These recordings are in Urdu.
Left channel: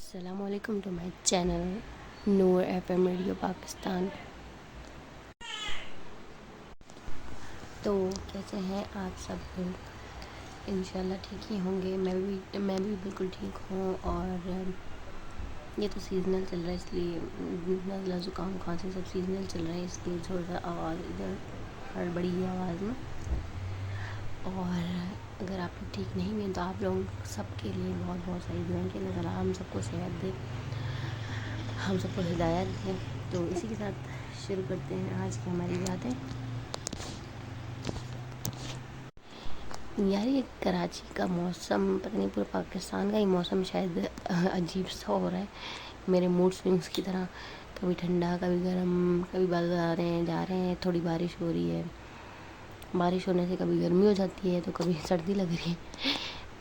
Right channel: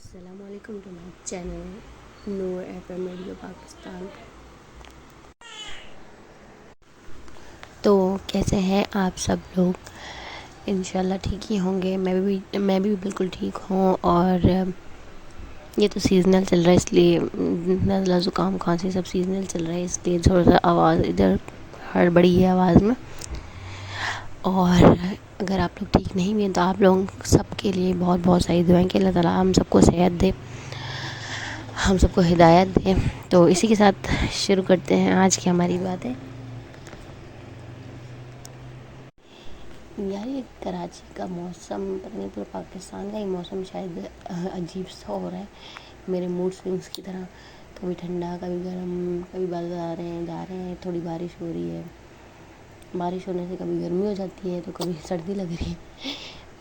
السلام علیکم to my channel Noor F M radio Pakistan. تو کیسے ہیں آپ سب لوگ؟ انشاءاللہ ٹھیک ہی ہوں گے۔ میں بھی بالکل ٹھیک ہوں، اور یہ تو سیزنل چل رہا ہے، اس لیے نزلہ زکام کھانسی سب سیزنل چل رہا ہے، اس لیے تھوڑا سا آواز ادھر ہڑبڑی ہے آواز میں۔ اور اگر آپ لوگ ٹھیک نہیں ہوئے تو آپ لوگوں سب کے لیے بہت بہت ساری دعائیں کہ اللہ تعالیٰ ہم سب کو صحت دے، ہم سب کو ہدایت دے۔ تو اسی کے ساتھ شروع کرتے ہیں آج کی ہماری باتیں۔ یار یہ کراچی کا موسم پتہ نہیں، پورے پاکستان کا ہی موسم شاید عجیب سا ہو رہا ہے، میرے موڈ سوئنگس کی طرح، کبھی ٹھنڈا کبھی گرم، کبھی بادل آ رہے ہیں جا رہے ہیں، تھوڑی بارش ہو رہی ہے، بارش ہونے سے کبھی گرمی ہو جاتی ہے تو کبھی سردی لگ رہی ہے۔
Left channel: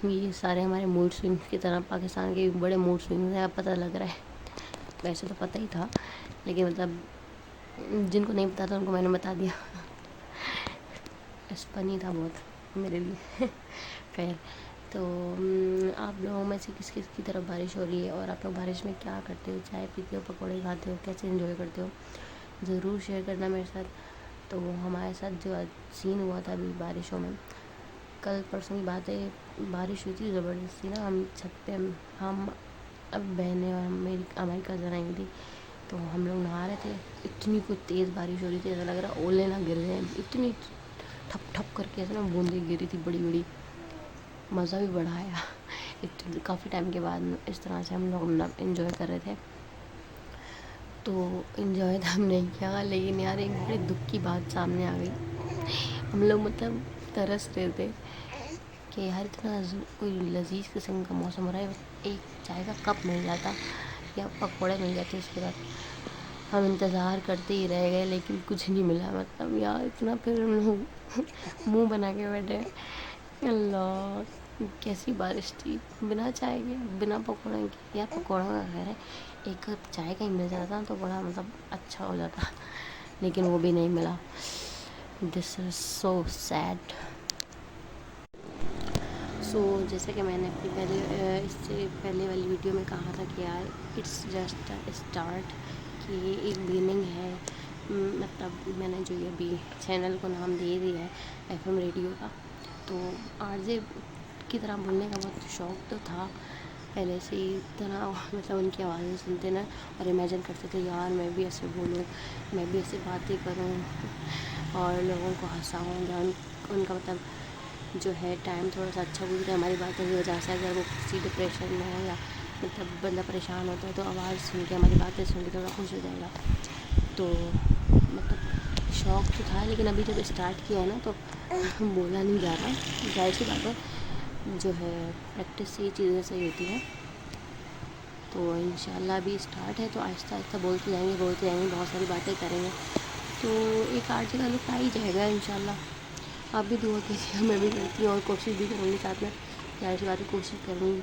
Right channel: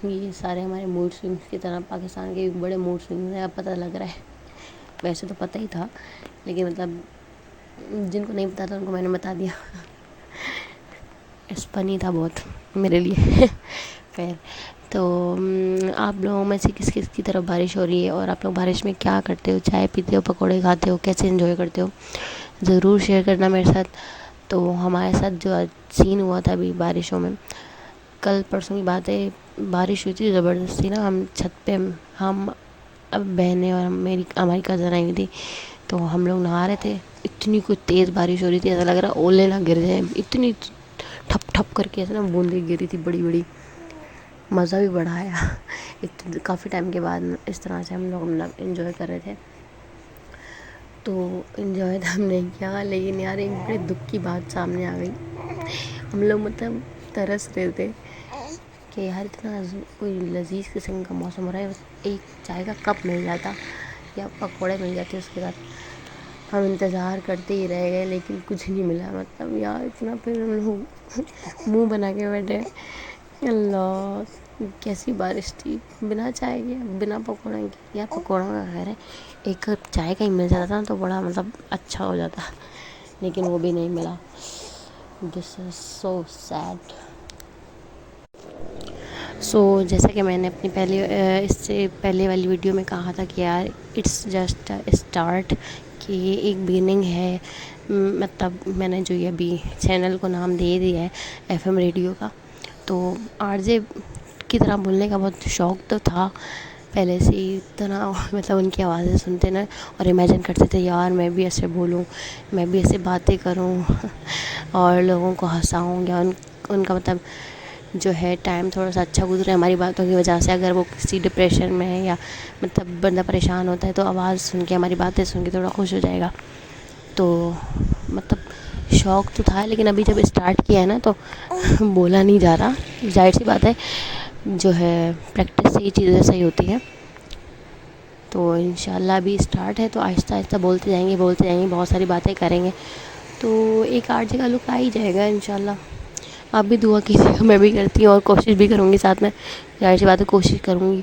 یہ سارے ہمارے موڈ سوئنگس کی طرح پاکستان کے بڑے موڈ سوئنگس ہیں، اب پتہ لگ رہا ہے۔ ویسے تو پتہ ہی تھا، لیکن مطلب جن کو نہیں پتا تھا ان کو میں نے بتا دیا۔ فنی تھا بہت میرے لیے۔ خیر، تو آپ لوگوں میں سے کس کس کی طرف بارش ہو رہی ہے، اور آپ لوگ بارش میں کیا کرتے ہو؟ چائے پیتے ہو، پکوڑے کھاتے ہو، کیسے انجوائے کرتے ہو؟ ضرور شیئر کرنا میرے ساتھ۔ تو ہمارے ساتھ جو سین ہوا تھا ابھی بارشوں میں، کل پرسوں کی بات ہے، بارش ہوئی تھی زبردستی نا، ہم چھت پہ، ہم اب بہنیں اور ہماری کزن آئی ہوئی تھی، تو ہم لوگ نہا رہے تھے، اتنی کوئی تیز بارش ہو رہی تھی، ایسا لگ رہا اولے نہ گر جائیں، اتنی ٹھپ ٹھپ کر کے ایسے نا بوندیں گر رہی تھی بڑی بڑی، مزہ بھی بڑا آیا۔ کافی ٹائم کے بعد اس طرح سے ہم لوگ انجوائے کر رہے تھے، تو انجوائے تو ہم نے کیا، لیکن یار ایک بڑے دکھ کی بات سامنے آ گئی۔ ہم لوگ مطلب ترس رہے تھے کہ یار اتنا کوئی لذیذ قسم کا موسم ہو رہا ہے، ایک چائے کا کپ مل جاتا یا پکوڑے مل جاتے اس کے بعد، ہم انتظار کرتے ہی رہ گئے لیکن کچھ نہیں ملا۔ مطلب یار اتنا پھر ہم لوگ منہ بنا کے بیٹھے، اللہ کیسی بارش تھی، بنا چائے کے بنا پکوڑے کے، یا پکوڑوں کا خیر ہے، ایک کپ چائے کا ہی مل جاتا نا تو بڑا مطلب اچھا ہو جاتا، لیکن وہ بھی نہیں ملا۔ دس از سو سیڈ۔ جیسا کہ میں نے اپنی اس سے پہلے والی ویڈیو میں کہا تھا کہ یار اٹس جسٹ اسٹارٹ، کہ یہ ایک بگننگ ہے، مطلب میں نے جو یہ ابھی چینل کو نام دے دیا ہے ایف ایم ریڈیو کا، تو آر جے کی طرح بولنے کا بہت شوق تو تھا پہلے سے ہی، اتنا مطلب ان کی آوازیں سنتے نا اور امیجن کرتے تھے یار میں بھی ایسے بولوں، میں بھی ایسے باتیں کروں اور لوگوں کو ہنساؤں، یا ان کا مطلب جو ہے ٹائم تھوڑا سا اچھا گزرے ہماری باتوں کی وجہ سے۔ اگر وہ کسی ڈپریشن میں ہے یا مطلب بندہ پریشان ہوتا ہے تو آواز سن کے، ہماری باتیں سن کے تھوڑا خوش ہو جائے گا، تو مطلب شوق تو تھا، لیکن ابھی جب اسٹارٹ کیا ہے نا تو بولا نہیں جا رہا، ظاہر سی بات ہے جو ہے پریکٹس سے یہ چیزیں صحیح ہوتی ہیں۔ تو انشاءاللہ ابھی اسٹارٹ ہے تو آہستہ آہستہ بولتے جائیں گے، بہت ساری باتیں کریں گے، تو ایک آرٹ جگہ لک آ ہی جائے گا انشاءاللہ۔ آپ بھی دعا کیجیے، میں بھی کرتی ہوں اور کوشش بھی کروں گی ساتھ میں، ظاہر سی بات ہے کوشش کروں گی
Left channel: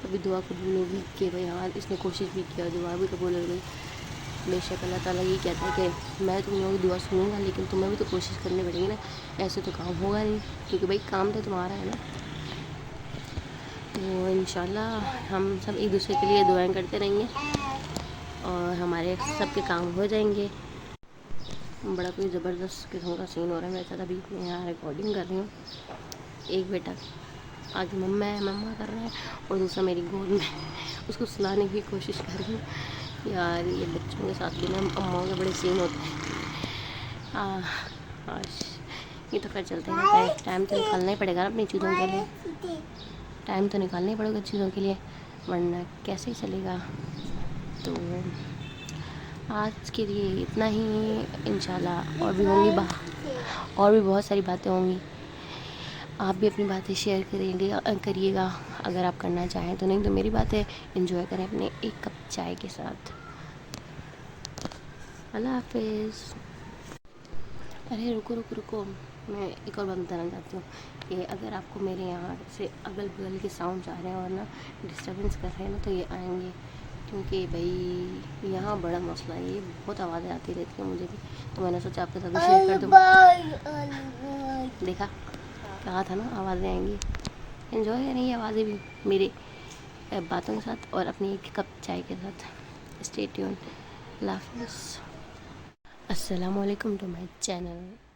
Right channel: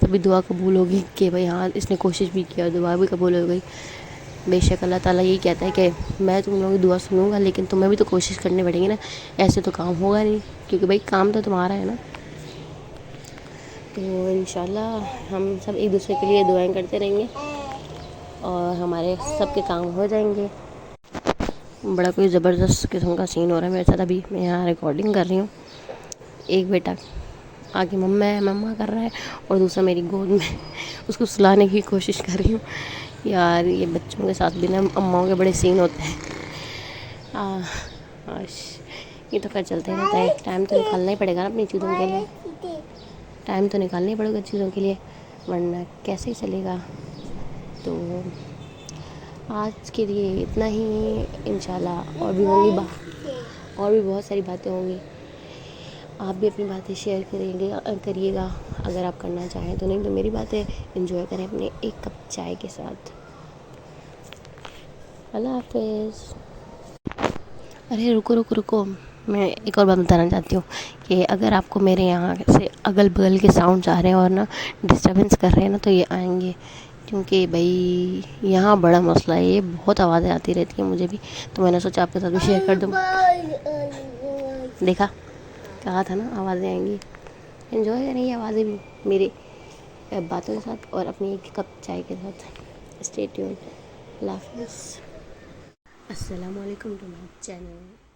تبھی دعا قبول ہوگی کہ بھائی ہاں اس نے کوشش بھی کیا، دعا بھی قبول ہو گئی۔ بے شک اللہ تعالیٰ یہی کہتا ہے کہ میں تم لوگوں کی دعا سنوں گا، لیکن تمہیں بھی تو کوشش کرنی پڑے گی نا، ایسے تو کام ہوگا نہیں، کیونکہ بھائی کام تو تمہارا ہے نا۔ تو انشاءاللہ ہم سب ایک دوسرے کے لیے دعائیں کرتے رہیں گے اور ہمارے سب کے کام ہو جائیں گے۔ بڑا کوئی زبردست قسم کا سین ہو رہا ہے میرے ساتھ، ابھی میں یہاں ریکارڈنگ کر رہی ہوں، ایک بیٹا آگے مما کر رہا ہے اور دوسرا میری گود میں، اس کو سلانے کی کوشش کر رہی ہوں۔ یار یہ بچوں کے ساتھ بھی نا اماؤں کے بڑے سین ہوتے ہیں۔ یہ تو خیر چلتے رہتا ہے، ٹائم تو نکالنا ہی پڑے گا نا اپنی چیزوں کے لیے، ٹائم تو نکالنا ہی پڑے گا چیزوں کے لیے، ورنہ کیسے چلے گا۔ تو آج کے لیے اتنا ہی، انشاءاللہ اور بھی ہوں گی اور بھی بہت ساری باتیں ہوں گی، آپ بھی اپنی باتیں شیئر کریے گا اگر آپ کرنا چاہیں تو، نہیں تو میری باتیں انجوائے کریں اپنے ایک کپ چائے کے ساتھ۔ اللہ حافظ۔ ارے رکو، میں ایک اور بات بتانا چاہتی ہوں کہ اگر آپ کو میرے یہاں سے اگل بغل کے ساؤنڈ آ رہے ہیں اور نا ڈسٹربنس کر رہے ہیں نا تو یہ آئیں گے، کیونکہ بھائی یہاں بڑا مسئلہ ہے، یہ بہت آوازیں آتی رہتی ہیں مجھے بھی، تو میں نے سوچا آپ کے ساتھ بھی شیئر کر دوں۔ دیکھا کہا تھا نا آوازیں آئیں گی، انجوائے کریں گی آوازیں بھی میرے باتوں کے ساتھ اور اپنی ایک کپ چائے کے ساتھ. Stay tune. اللہ حافظ. السلام علیکم ٹو مائی چینل.